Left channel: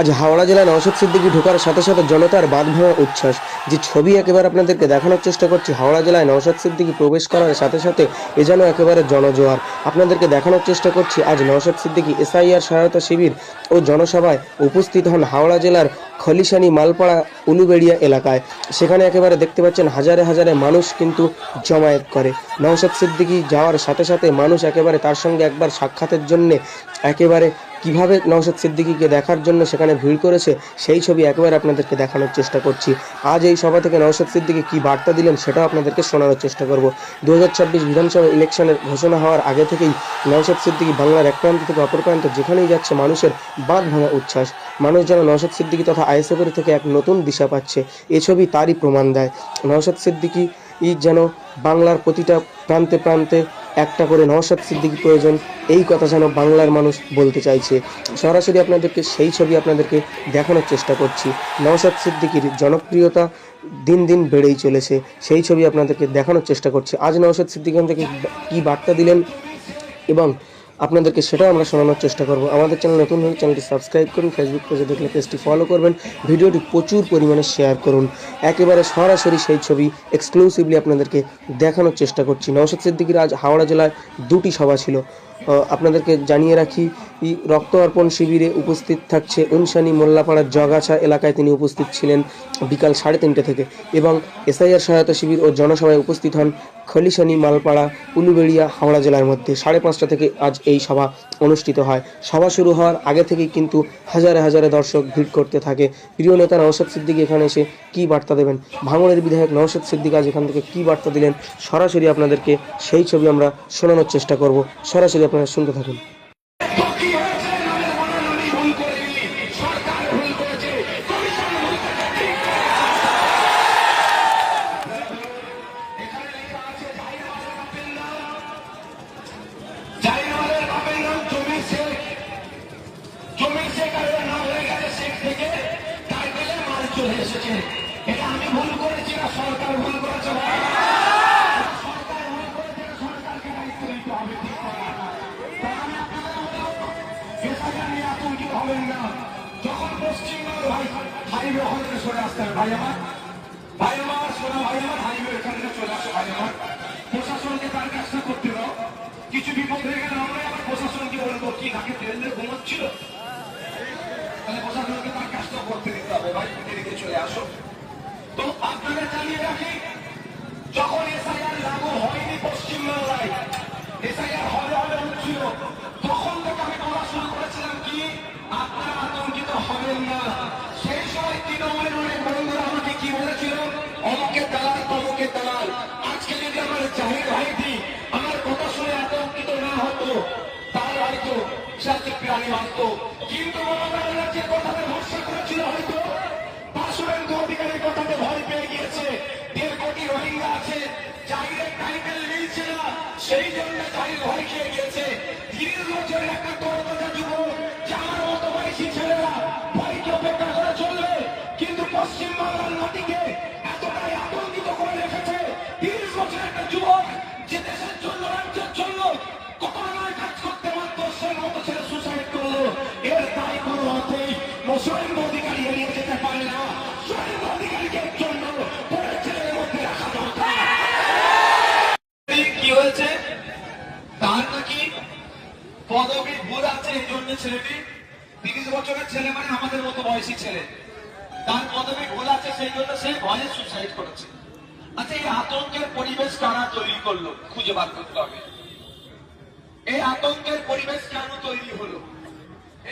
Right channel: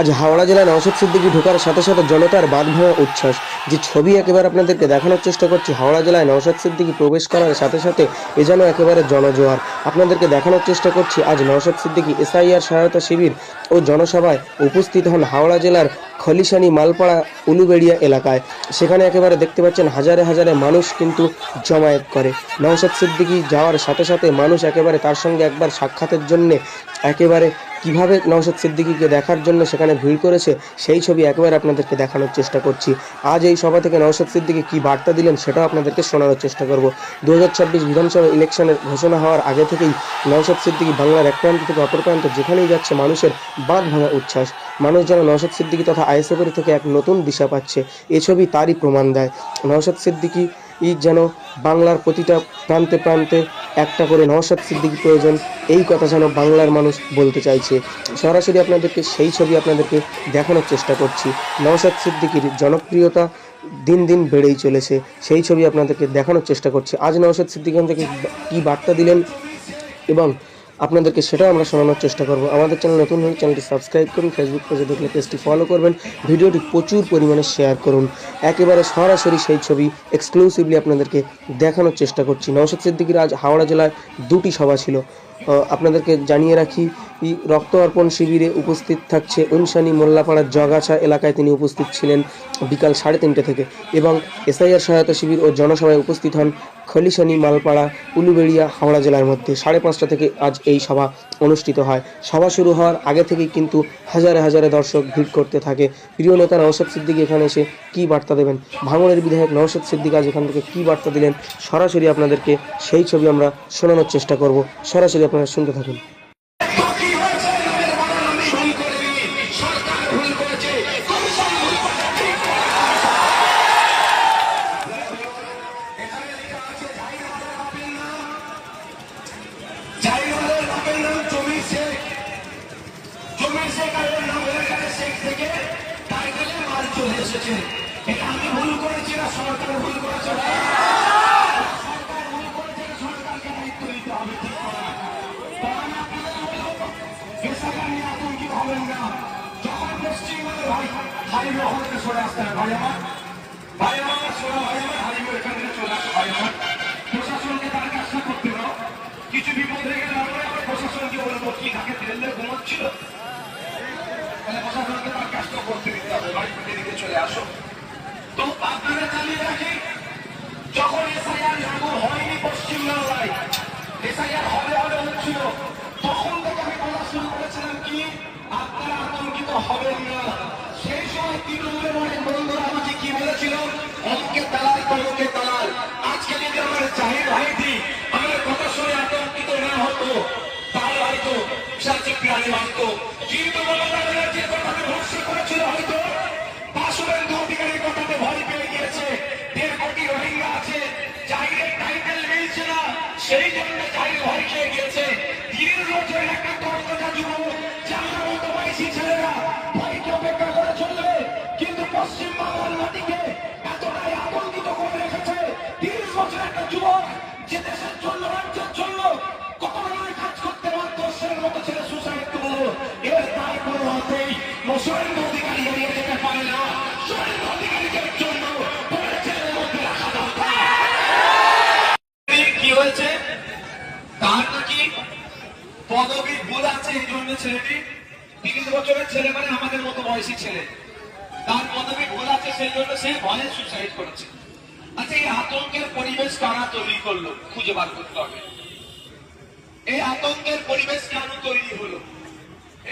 আজ হাওড়া জেলায় নওশাদ সিদ্দিকী ঢোকার সাথে সাথে জনতার বাঁধ ভাঙা উচ্ছ্বাস। যে ছবি একেবারে আপনাদেরকে দেখানোর চেষ্টা করছি, হাওড়া জেলায় নওশাদ সিদ্দিকী প্রবেশ করার সাথে সাথে এ যেন একেবারে জনজোয়ার। আপনাদেরকে দেখানোর চেষ্টা করছি আজ নওশাদ সিদ্দিকী এসআইআর সহায়তা শিবির ও জনসভায় উপস্থিত হন হাওড়া জেলার খলিশানি মালপাড়া উলুবেড়িয়া এলাকায়। সেখানে একেবারে দেখতে পাচ্ছেন হাজারে হাজারে মানুষ কিন্তু জমায়েত করে। নওশাদ সিদ্দিকী যাওয়ার সাথে সাথে মানুষ একেবারে তার সঙ্গে একবার সাক্ষাতের জন্যে একেবারে কিভাবে নওশাদ সিদ্দিকীকে দেখার জন্য সেখানে ভিড় করেছে সেই ছবি একেবারে আপনাদেরকে দেখানোর চেষ্টা করছি। আজ এই সভা থেকে নওশাদ সিদ্দিকী কী বার্তা দিলেন সেটাও আপনাদেরকে শোনানোর চেষ্টা করব। 2026 বিধানসভা ইলেকশনের ঘোষণা হওয়ার আগে থেকেই নওশাদ সিদ্দিকী বাংলার এক প্রান্ত থেকে অপর প্রান্ত যেখানেই যাচ্ছে মানুষের বাঁধ ভাঙা উচ্ছ্বাস। মানুষ যেন নওশাদ সিদ্দিকী তথা আইএসএফের থেকে এক নতুন দিশা পাচ্ছে, এ ছবি তারই প্রমাণ দেয়। নওশাদ সিদ্দিকী যেন বাংলার প্রতিটা প্রান্তে প্রান্তে একটা করে নওশাদ সিদ্দিকী প্রয়োজন, এই কথা যেন বাংলার মানুষ বলতে চাইছে। সরাসরি আপনাদেরকে সেই ছবি আপনাদেরকে দেখানোর চেষ্টা করছি। নওশাদ সিদ্দিকীর জনপ্রিয়তা দিন দিন বেড়েই চলেছে, সেই ছবি আপনাদেরকে দেখানোর চেষ্টা করছি। আজ নওশাদ সিদ্দিকী থেকে কী বার্তা দিলেন এবং আপনাদেরকে সেটাও আমরা শোনানোর চেষ্টা করব। আমাদের চ্যানেল নতুন হলে চ্যানেলটি সাবস্ক্রাইব করুন, ফেসবুক পেজে দেখলে পেজটি ফলো করবেন, ভিডিওটি প্রচুর পরিমাণে শেয়ার করুন। একেবারে সরাসরি সেই ছবি এক্সক্লুসিভলি আপনাদেরকে দেখানোর চেষ্টা করছি। নওশাদ সিদ্দিকীর আজ হাওড়া জেলায় দুটি সভা ছিল। আপনাদেরকে জানিয়ে রাখি, রক্ত অর্পণ শিবিরে উপস্থিত থাকছে উনসানি মোল্লাপাড়ার জগাছা এলাকায় তিনি উপস্থিত ছিলেন বিকাল 3:30 থেকে, এবং এসআইআর সহায়তা শিবির ও জনসভায় উপস্থিত হন খলিশানি মালপাড়া উলুবেড়িয়া হাওড়া জেলার মধ্যে। 5:30 থেকে আজ এই সভা অনুষ্ঠিত হয়। সভা শুরু হওয়ার আগে থেকেই কিন্তু হাজারে হাজারে দর্শক ভিড় করতে থাকে। প্রিয় নেতা নওশাদ সিদ্দিকী এখানে এসে কী বার্তা দেবেন, ভাঙড়ের বিধায়ক নওশাদ সিদ্দিকী আজ এখান থেকে কী বার্তা দিলেন, সরাসরি আপনাদেরকে সেই ছবি আমরা শোনানোর চেষ্টা করব। সরাসরি আপনারা শুনতে থাকুন। এটা আমি ভুল করেছি না সরকার ভুল করেছে, সরকারকে দায়িত্ব নিতে হবে। আতঙ্কিত হবেন না। যখন পশ্চিমবঙ্গ হারিবে হতে সরে আসতে হবে ভাই আমার, ভাই আমার শোনো, ভাই আমার হারিবে এখান থেকে চলে আসো ভাই আমার। প্রশাসনকে তার কাজটা করতে দাও। কিছু বিপদ হয়ে গেলে আমরা আবার প্রশাসনকে বলবো কি তাকে ট্রেনে ঘুমাচ্ছিল, তাহলে প্রশাসনকে তার কাজটা করতে দিতে হবে। ভাই দিকে চলে আসো। তো আপনারা চালিয়ে রাখি, যখন এসআইআর লাগু হয়নি পশ্চিমবাংলায়, এসআইআর হবে হবে হচ্ছিল, তখন থেকে আমি বলা শুরু করেছিলাম কি আপনারা আতঙ্কিত হবেন না। সেই সময় তৃণমূলের অনেক বন্ধুরা আমাকে কি বলেছিল, অমুকে তালার তমুকে তালার। আজকে যদি আমার জাহির ভাইটি আমার কথা শুনে আতঙ্কিত না হতো তাহলে হয়তো সাথে প্রাণী মানত। কিন্তু মমতা ব্যানার্জির কথাতে ভরসা করেছিল হয়তো শুভেন্দু অধিকারীর কথাতে ভয় পেয়ে গিয়েছে। 1.5 কোটি রোহিঙ্গা আছে, জাহিরের টাইটেল মিলছে না, সেই জন্য জাহির ভয় খেয়ে গিয়েছে। 30 বছর একটা তরতাজা যুবক যার মতো বয়সী ছেলেরা ভয়কে উপেক্ষা করে চলবে, কিন্তু পশ্চিমবাংলার মাটিকে এতটাই আবন্দিত করে রেখেছে। 30 বছর একটা যুবক যে দেশের জন্য রাজ্যের জন্য কখনো কাজ করতে পারত, সে মতো ছেলে সুসাইড করলো। এর তাই কোনো অর্থেই শুভেন্দু অধিকারী এড়িয়ে যেতে পারে না। শুভেন্দু অধিকারীকে জন্য কি হয়েছে, তার নাকি পদবী ভুল আছে, এই জন্য ছেলেটি 30 বছরের ছেলে, মানে আমাদের মতো বয়সী ছেলে, তার পদবী ভুল আছে, সেই জন্য সে ভয়ে সুসাইড করেছে। আচ্ছা, এই আতঙ্কের পরিবেশ কারা তৈরি করলো খুঁজে বার করতে হবে। এই আতঙ্কের পরিবেশ কেন তৈরি হলো?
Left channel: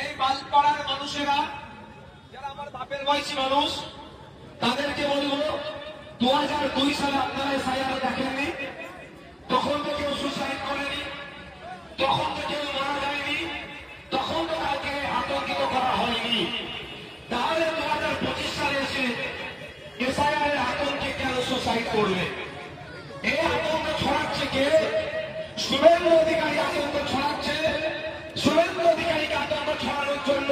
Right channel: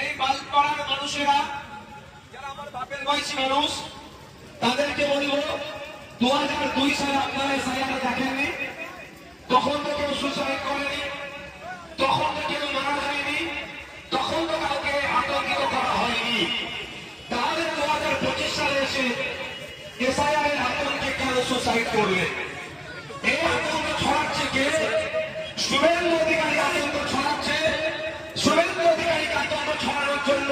এই বালপাড়ার মানুষেরা যারা আমার বাপের বয়সী মানুষ, তাদেরকে বলবো 2002 সালে আপনারা এসআইআর দেখেননি, তখন তো কেউ সুসাইড করেনি, তখন তো কেউ মারা যায়নি, তখন তো কাউকে আতঙ্কিত করা হয়নি। তাহলে 2025 সালে এসে এসআইআর এর আতঙ্কে কেন সুসাইড করবে? এই আতঙ্ক ছড়াচ্ছে কে? শুভেন্দু অধিকারী আতঙ্ক ছড়াচ্ছে। শুভেন্দু অধিকারীকে আতঙ্ক ছড়ানোর জন্য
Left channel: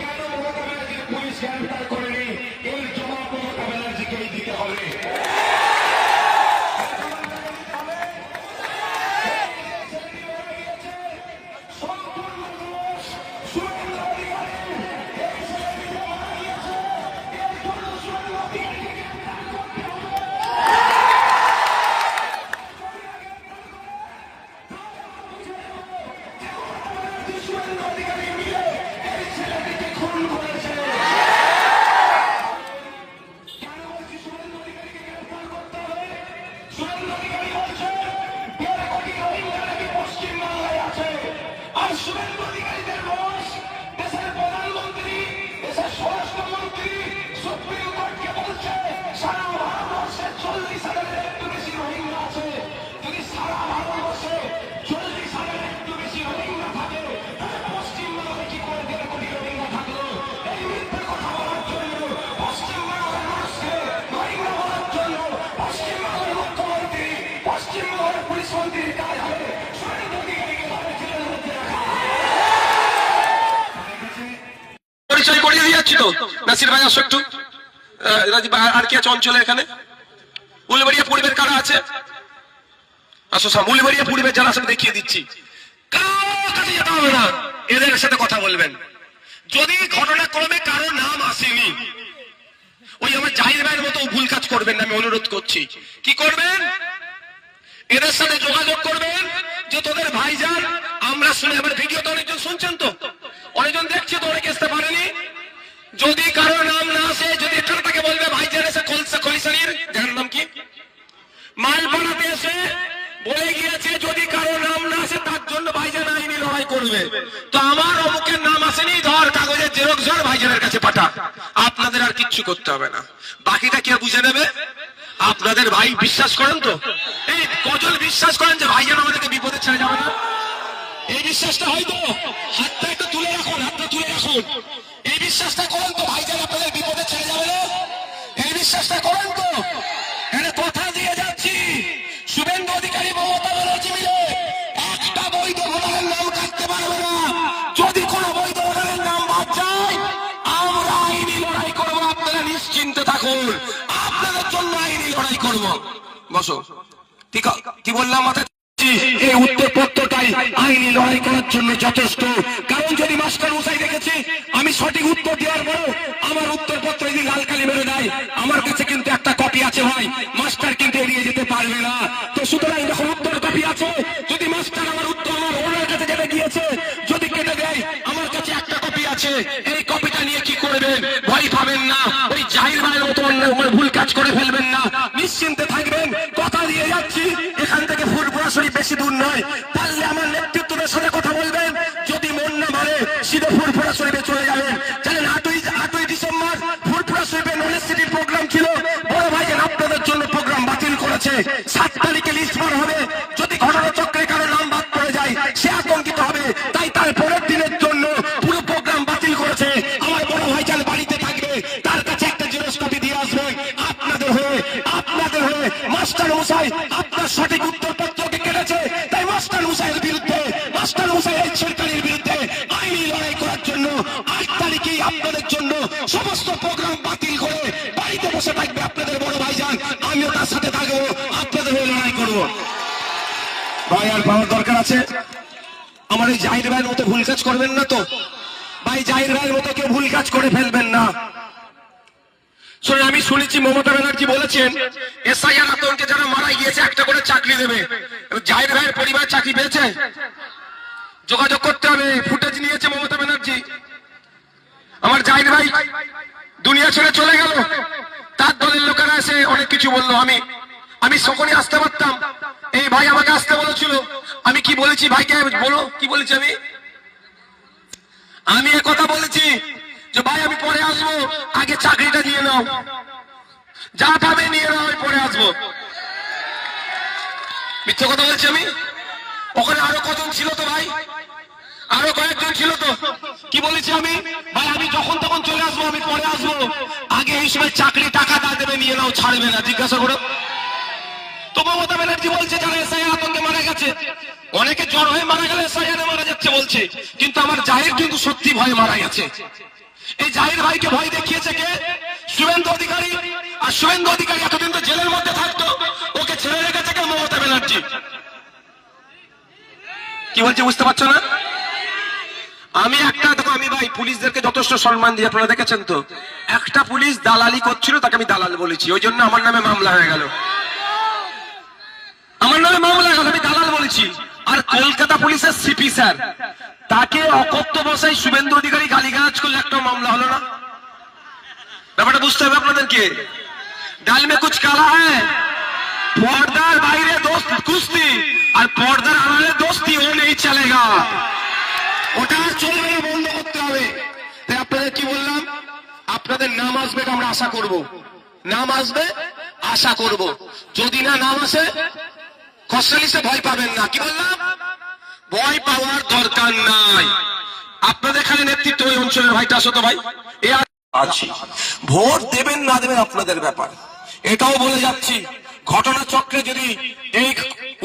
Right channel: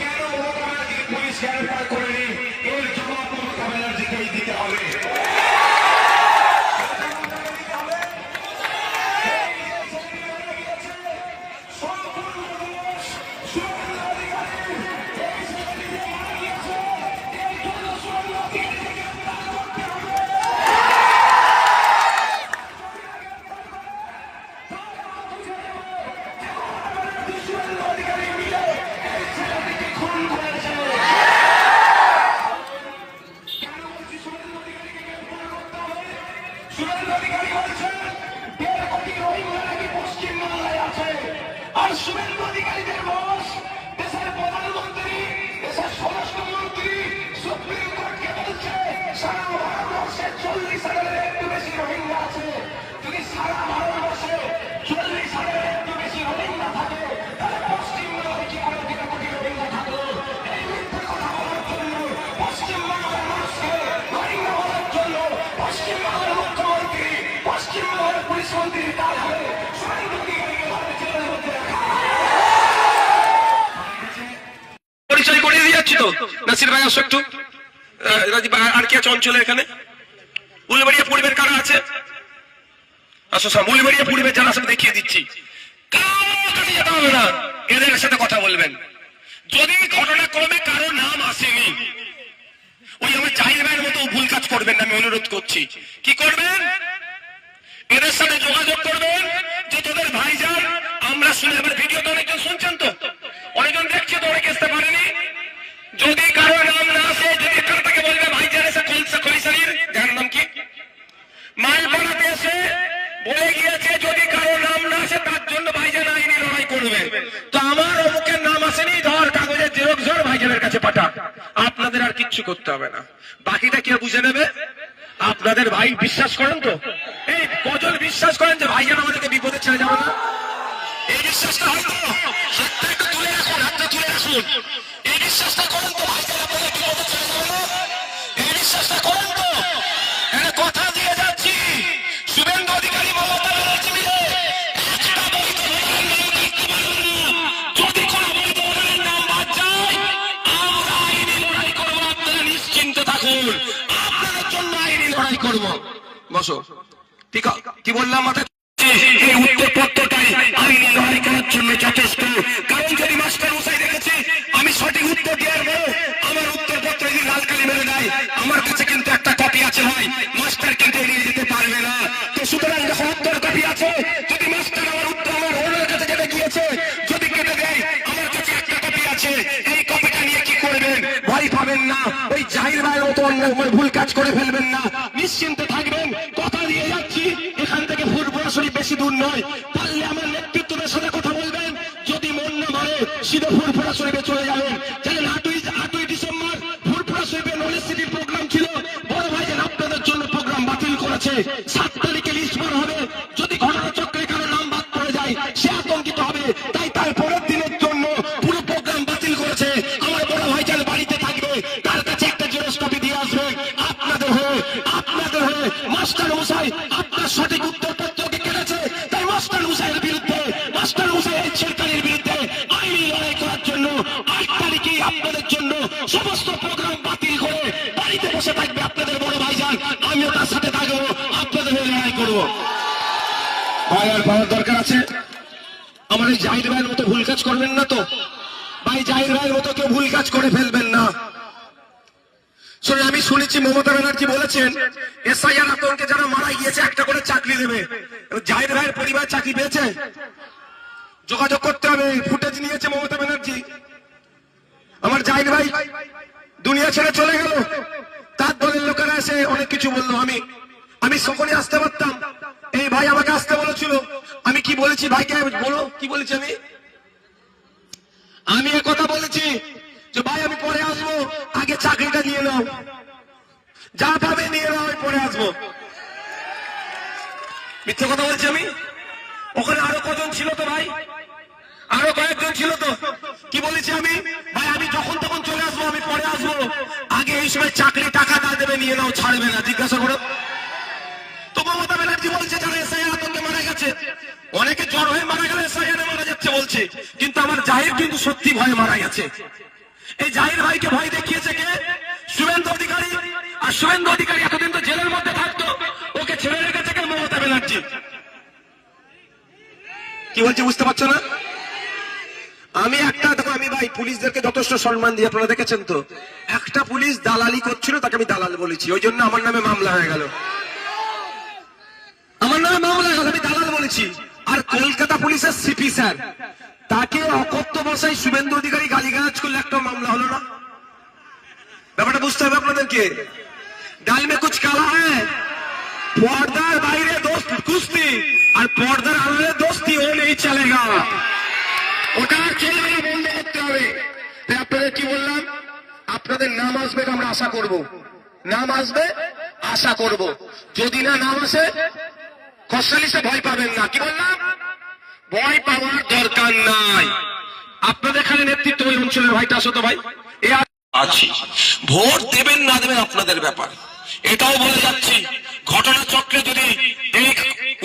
কেন মমতা ব্যানার্জিকে পুলিশ গ্রেফতার করেনি, এর জবাব মমতা ব্যানার্জিকেই দিতে হবে। শুভেন্দু অধিকারী সন্ত্রীটাই হবে শুভেন্দু অধিকারীকে ভাবে জেলের মধ্যে রাখা। পরিচয় করিয়ে দিয়ে যাচ্ছি তো নাসির ভাই, আসো একটু। আর কি আছে অঞ্চলে এখানে? উলবেড়িয়া পূর্বের কারা আছে? আসো সব উলবেড়িয়া পূর্বের যারা আছে দেখিয়ে দিচ্ছি। এদের সাথে কথা বলবেন। যদি ঘটনাক্রমে কারো নাম আসেনি, ওই আমার জাহির ভাইয়ের মতো ভুল কাজ করবেন না, আমি অনুরোধ করছি। কি করবেন? এদের সাথে যোগাযোগ করবেন যে তোদের ভাইজান আমরা শুনে, আমার ভিডিও তো অনেকজন শুনছেন, তো অনেকজন দেখছে, তো অনেকে আসতে পারেনি। যদি কারো নাম না আসে, যদি এখান থেকে বলবে ভাইজান এসে খৈসালির যার নাম কি মালপাড়াতে এসে বলে গিয়েছে, যদি কারো নাম না আসে তার জন্য ভাইজান আইনি লড়াই করবে। তো আমার অমুকের নাম আসেনি, ধর কাগজের জেরক্স ধর ভাইজানের কাছে পাঠা। আপনাদের আর কিচ্ছু করতে হবে না, বাকিটা কে বুঝে নেবে। আপনাদের ভাই বিশ্বাস করেন তো? এই কজন বিশ্বাস করেন যে ভাইজান আমাদেরকে বিপদে ছেড়ে যাবে না? এই বিশ্বাসটা হয়তো হাতটা একটু তুলে রাখুন, হাতটা তুলে রাখুন। এই বিশ্বাসটা করেন তো ভাইজান আপনাদের বিপদে ছেড়ে যাবে না? এই বিশ্বাসটা করেন তো? এখানে কথা দিয়ে যাচ্ছি, শুভেন্দু অধিকারী মমতা ব্যানার্জি মিলে একটা বৈধ ভোটারের নাম কাটতে পারবে না। যদি কোনো বৈধ ভোটারের নাম বাদ যায়, আমরা আইনি লড়াই করবো। আপনারা নিশ্চিন্তে থাকুন, আপনাদের জন্য আইনি লড়াই করবো। বসো। ঠিক কি বললাম? মাথায় এই উত্তরপত্রটাই আইনি লড়াই করার জন্য যথেষ্ট। কারণ যদি মাস্টার মশাই দেখেছে আমি সঠিক উত্তর দেওয়ার পর আমার উত্তরপত্র যদি লাল কালি মেরে দেয়, আমার কাছে কিন্তু একটা কপি আছে ভাই, মাস্টার কিন্তু নিয়ে যেতে পারবে না। তো সুতরাং যখন উত্তর কপি আছে, যদি মাস্টার আমার উত্তর আমার ওনার কাছে কেটে গিয়েছে, যদি কেটে দেয়, আমার কাছে একটা কপি আছে, এই কপিটা নিয়ে কি করবেন? ভয় পাবেন না, ওই জাহির ভাইয়ের মতো অন্য ভুল কাজ করে ফেলবেন না, নিশ্চিন্তে থাকবেন। কথা দিয়ে যাচ্ছি, এখান থেকে ফুরফুরা শরীফ বেশি দূর নয়, পারলে আমার নেতৃত্বের সাথে কথা বলবেন। যদি মন না মারে সিধে ফুরফুরা শরীফে চলে যাবেন। জানেন 8ই ডিসেম্বর ফুরফুরা শরীফে ইউনিভার্সিটির প্রোগ্রাম ছিল, বড় ভাইয়ের আপনাদের জন্য প্রোগ্রাম বাতিল করেছে। 7 তারিখে লিস্ট বার হবে, যদি ঘটনাচক্রে কারো নাম বাদ পড়ে যায় সে আতঙ্কিত হবে, তাই তার পরের দিনের জন্য পুরো প্রোগ্রাম বাতিল করেছে। আমার বড় ভাইজান বাড়িতে থাকবে, তার কাছে একটা জেরক্স কপি দিয়ে আসবে। আপনাদের হয়ে মাস্টার মশাই আপনার সঠিক উত্তরপত্রকে কেটেছে, তাই মাস্টার মশাইয়ের বিরুদ্ধে, মাস্টার মশাইয়ের সরকারের বিরুদ্ধে আইনি লড়াই করার জন্য 8 তারিখেই আপনাদের জন্য সমস্ত প্রোগ্রাম বাতিল করে বাড়িতে বসে থাকবে আপনাদের বড় ভাইজান। আমিও তার সাথে থাকবো, আপনাদের হয়ে লড়াই করবো। ভাই আর পাওয়ার দরকার আছে। আমার এই জাহির ভাইয়ের মতো ভুল কাজ করবেন না তো ভাই, জাহির ভাইয়ের মতো কেউ ভুল কাজ করে ফেলবেন না। আমি শুনেছি মমতা ব্যানার্জি বলেছেন এসআইআর আতঙ্কে যারা মারা গিয়েছে একটা করে চাকরি দেবে। জাহির ভাইয়ের পরিবার চাকরি পেয়েছে? যোগাযোগ করতে হবে। ফুটেজ নিয়েছে মমতা ব্যানার্জি। আমার জাহির ভাই দুনিয়া ছেড়ে চলে গেল, তার দলের লোকেরা এসে অনেক কিছু বললো। আমি সকলে আসতে পারতাম, এই ভাই আমাকে আসতে বলেছিল। আমি কি বলেছি ভাইকে বলো, কি বলেছি আমি কথা বলেছি যে ভাই আমি পরে আসবো, আগে চাকরিটা নিয়ে নাও, যা পাবে নিয়ে নাও, পরে আসবো। মিথ্যে কথা বলছি আমি? ওখানে আরো কজন ছিল তো ভাই, আরো কয়েকজন ছিল তো। কি বলেছি আমি? ভাই আমি যখন তখন চলে আসবো, আমি পরে আসবো, আগে এই সময় চাকরি টাকা না দেবে নিয়ে নাও, ছাড়বে না, জিজ্ঞাসা করে। তো মমতা ব্যানার্জি বলছে যারা এসআইআর আতঙ্কে মারা গেছে, অনেকে জ্বর হয়ে মারা গেলে এসআইআর মারা যাচ্ছে বলছে, কিন্তু আমার জাহির কিন্তু সত্যি ভয়ে মারা গেছে। এই জাহির ভাইকে ভয় দেখিয়েছে কে? শুভেন্দু অধিকারী। আর শুভেন্দু অধিকারী এতদিন তো জেলের মধ্যে থাকতো, ওকে ছেড়ে রেখেছে কে? মমতা ব্যানার্জি। কি বলছে বুঝতে পারছো না? আমি দেখো, আমি ভাই পুলিশদেরকে যথেষ্ট সম্মান দিই, আপনারা দেখেছেন তো। একটা পুলিশ দালালি করছিল, তাকে আমি দালাল বলেছি, ওই জন্য আমার নামে মামলা হয়ে গেল। আমার নামে মামলা হয়ে গেল, আমি দালাল বলেছি। আর কলকাতা পুলিশের সিপি স্যার, তাকে অকথ্য ভাষায় শুভেন্দু অধিকারী গালিগালাজ করলে একটা মামলা হলো না? ব্যাপারটা বুঝতে হবে আপনাদেরকে। ডাল মে কুছ কালা হ্যায়, পর্দার বাইরে দোস্ত কুস্তি আর পর্দার আড়ালে দোস্তি ও নেই চলেগা। ওটা ছেড়ে বন্ধ করতে হবে। আপনাদের কি বললাম? আপনাদের নাম আসবে, আমরা আশা করব। নাম আসবে, আশা করব। যদি না নাম আসে, খোসালিসে ভয় পাবেন না। কি বললাম? ভয় পাওয়ার দরকার নাই। আপনাদের এখানে নেতৃত্ব ওই অঞ্চলের ভাইটা আসো তো ভাই, এ আছি। ভোট দেবেন না দেবেন আপনাদের ব্যাপার, এটাও বলে যাচ্ছি, ঘটনাচক্রে যদি এই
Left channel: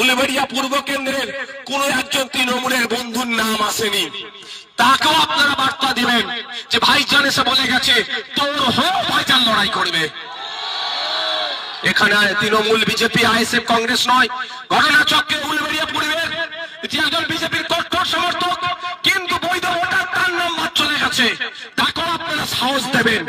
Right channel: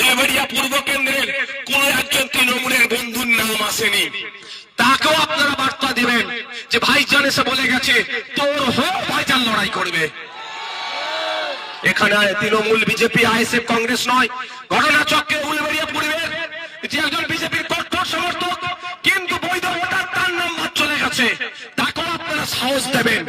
উলবেড়িয়া পূর্ব কেন্দ্রের কোন একজন তৃণমূলের বন্ধুর নাম আসেনি, তাকেও আপনারা বার্তা দিবেন যে ভাইজান এসে বলে গেছে তোর হোক ভাইজান লড়াই করবে। এখানে তৃণমূল, বিজেপি, আইএসএফ, কংগ্রেস নয়, ঘটনাচক্রে উলবেড়িয়া পূর্বের যে একজন বিজেপির কট্টর সমর্থক কিন্তু বৈধ ভোটার তার নম্বর চলে গেছে, তাকেও আপনারা সাহস দেবেন।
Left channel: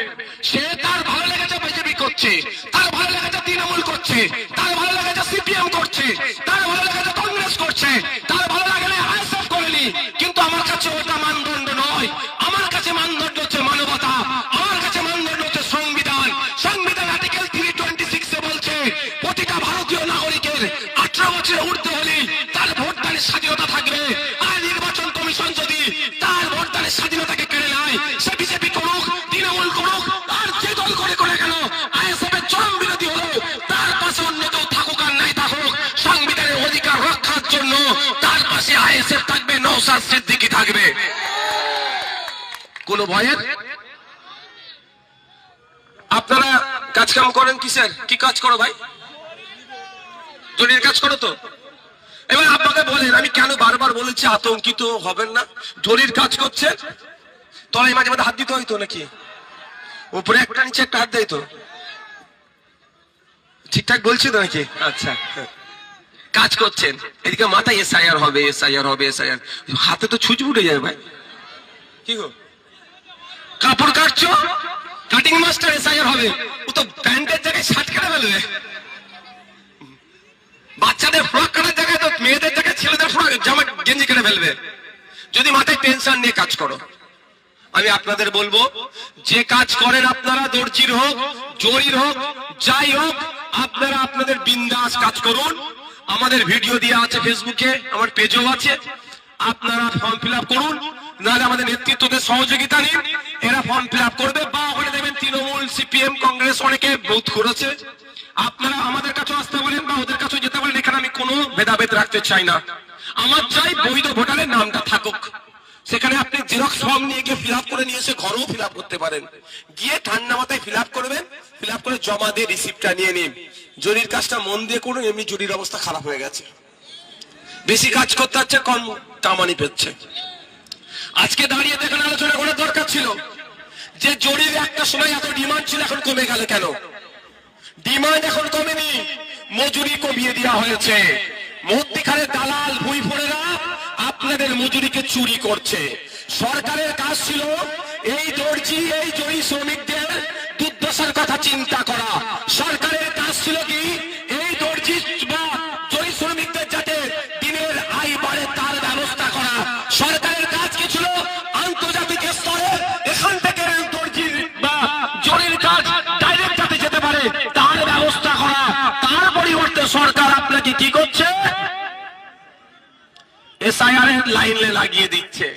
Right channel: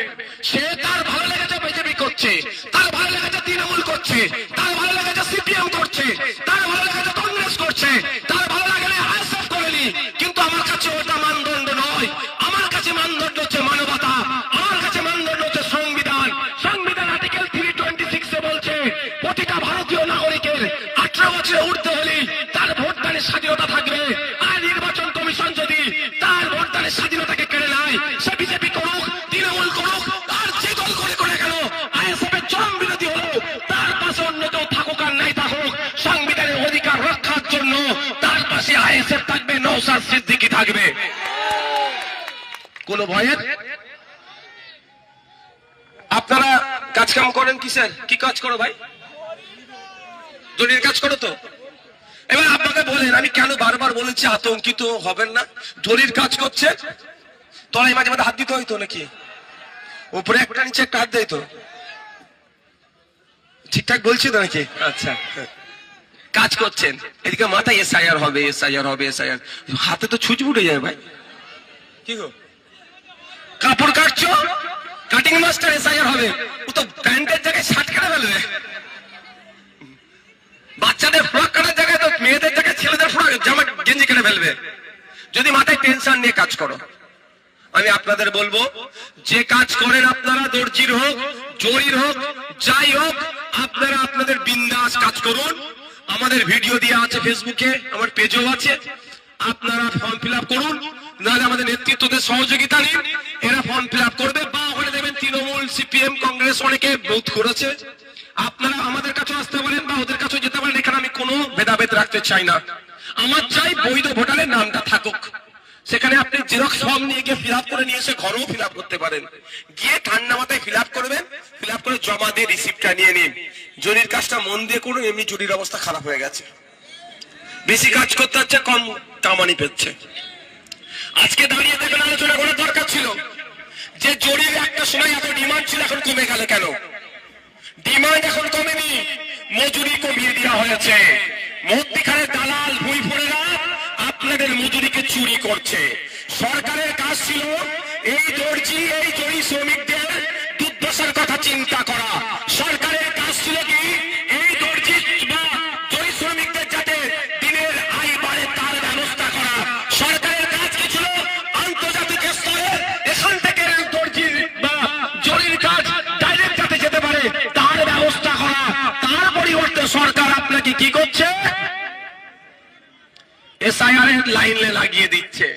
সে তার ভালো লেগেছে বিজেপি করছে, তার ভালো লেগেছে তৃণমূল করছে, তার ভালো লেগেছে সিপিএম করছে, তার ভালো লেগেছে কংগ্রেস করছে, তার ভালো লাগলে আইএসএফ করেনি। কিন্তু আমার কাছে ওটা মানদণ্ড নয়, আমার কাছে মানদণ্ড হচ্ছে মানবতা, আমার কাছে মানদণ্ড হচ্ছে সংবিধান। সংবিধান আর্টিকেল 326 বলছে প্রতিটা ভারতীয় নাগরিকের 18 বছরে উঠতে হলে তার ভোটদানের স্বাধীনতা থাকবে। আর নির্বাচন কমিশন যদি তার ভোটদানের স্বাধীনতাকে কেড়ে নেয়, সে বিজেপি করুক, তৃণমূল করুক, তার যে দল করে গেল, আইএসএফ এর চরম বিরোধী হলো, তার পাশে অন্য কেউ থাকুক আর নাই থাকুক, সংবিধানের অধিকার রক্ষার জন্য তার পাশে আইএসএফ থাকবে, নওশাদ সিদ্দিকী থাকবে। কোন ভয়ের? আপনারা কাজকাম করেন কিসের? কি কাজ করো ভাই? জরির কাজ করো তো? এবার আপনাকে বলেন, আমি কেন বারবার বলেছি আতঙ্কিত হবেন না। জরির কাজ করছে, তলায় মাঝে মাঝে হাত দিতে হইতো নাকি? উপরে একটা নিচে একটা হাত দেয় তো? ঠিকঠাক বলছি তো নাকি? আচ্ছা, কাজ করছেন, এদিকে মাথায় এসআইআর হবে, এসআইআর হবে, এসআইআর, হাতে তো ছুঁচ উঠে যাবে ভাই। কি গো, কাপড় কাটছো, কাটিং মাস্টার এসআইআর হবে, ও তো প্যান্টের জায়গায় শার্ট কেটে ফেলবে। বাচ্চাদের ফ্রক কাটার জায়গায় তো মেয়েদের জায়গায় ছেলেদের ফ্রক জামা গেঞ্জি কেটে ফেলবে। যদি মাথায় টেনশন নিয়ে কাজ করো, আমি আপনাদের বলবো, যে কাজ করেন আপনারা, দর্জির হোক, জরির হোক, যাই হোক, আপনারা আপনাদের বিন্দাস কাজ করুন। আমাদের ভিডিও দেওয়া আছে ফেসবুকে, আমার পেজও আছে, আপনারা ফর্ম ফিল আপ করুন, নাহলে আমাদের নেতৃত্বদের সহযোগিতা নিন, এরা ফর্ম ফিল আপ করবে। বা ওখানে দেখবেন তৃণমূল, সিপিএম, কংগ্রেস অনেকে বুথ করেছে, আপনারা আমাদের কাছে আসতে বলেন বা ওদের কাছে যেতে বলেন। এখানে আমি কোনো ভেদাভেদ রাখতে চাই না, আমার চাই বৈধ ভোটারের নামটা থাকুক। সেখানে আপনি জেরক্স ফর্ম নিয়ে গিয়ে ফিল আপ করে নিয়ে এসে ঘরেও ফিল আপ করতে পারেন, গিয়ে ঠান্ডা মাথায় ফিল আপ করবেন, ফিল আপ করে জমা দিয়ে রিসিপ্টটা নিয়ে নিন। জরির কাজটা মন দিয়ে করুন, এমনি জরির অবস্থা খারাপ হয়ে গেছে, বেশি কাজ করতে হচ্ছে, কম কামানি পেচ্ছে। আজকে দাঁড়িয়ে দেখেন আলোচনা করার দরকার ছিল যে জরির একটা সময় এত ডিমান্ড ছিল, এখন কমে গেল কেন? ডিমান্ড এখন কমেনি, মজুরি কমিয়ে দেওয়া হয়েছে। মধ্যিখানে দালাল ভুইফুরেরা আপনাদের মজুরিকে চুরি করছে। সরকারের কাজ ছিল এই দর্জি, এই জরি শ্রমিকদের দুর্দশার কথা চিন্তা করা। সরকারের কাজ ছিল কি এই দর্জি বা জরি শ্রমিকদের যাতে দিনের আয় বাড়ে তার ব্যবস্থা করা। সরকারের কাজ কি ছিল? আন্তর্জাতিক স্তরে এখান থেকে এই দর্জির বা জরির কাজ ডাইরেক্ট যাতে যেতে পারে তার ব্যবস্থা করা। তার পরিবর্তে সরকার আপনাকে কি করছে? এসআইআর লাইনে লাগিয়ে দিচ্ছে।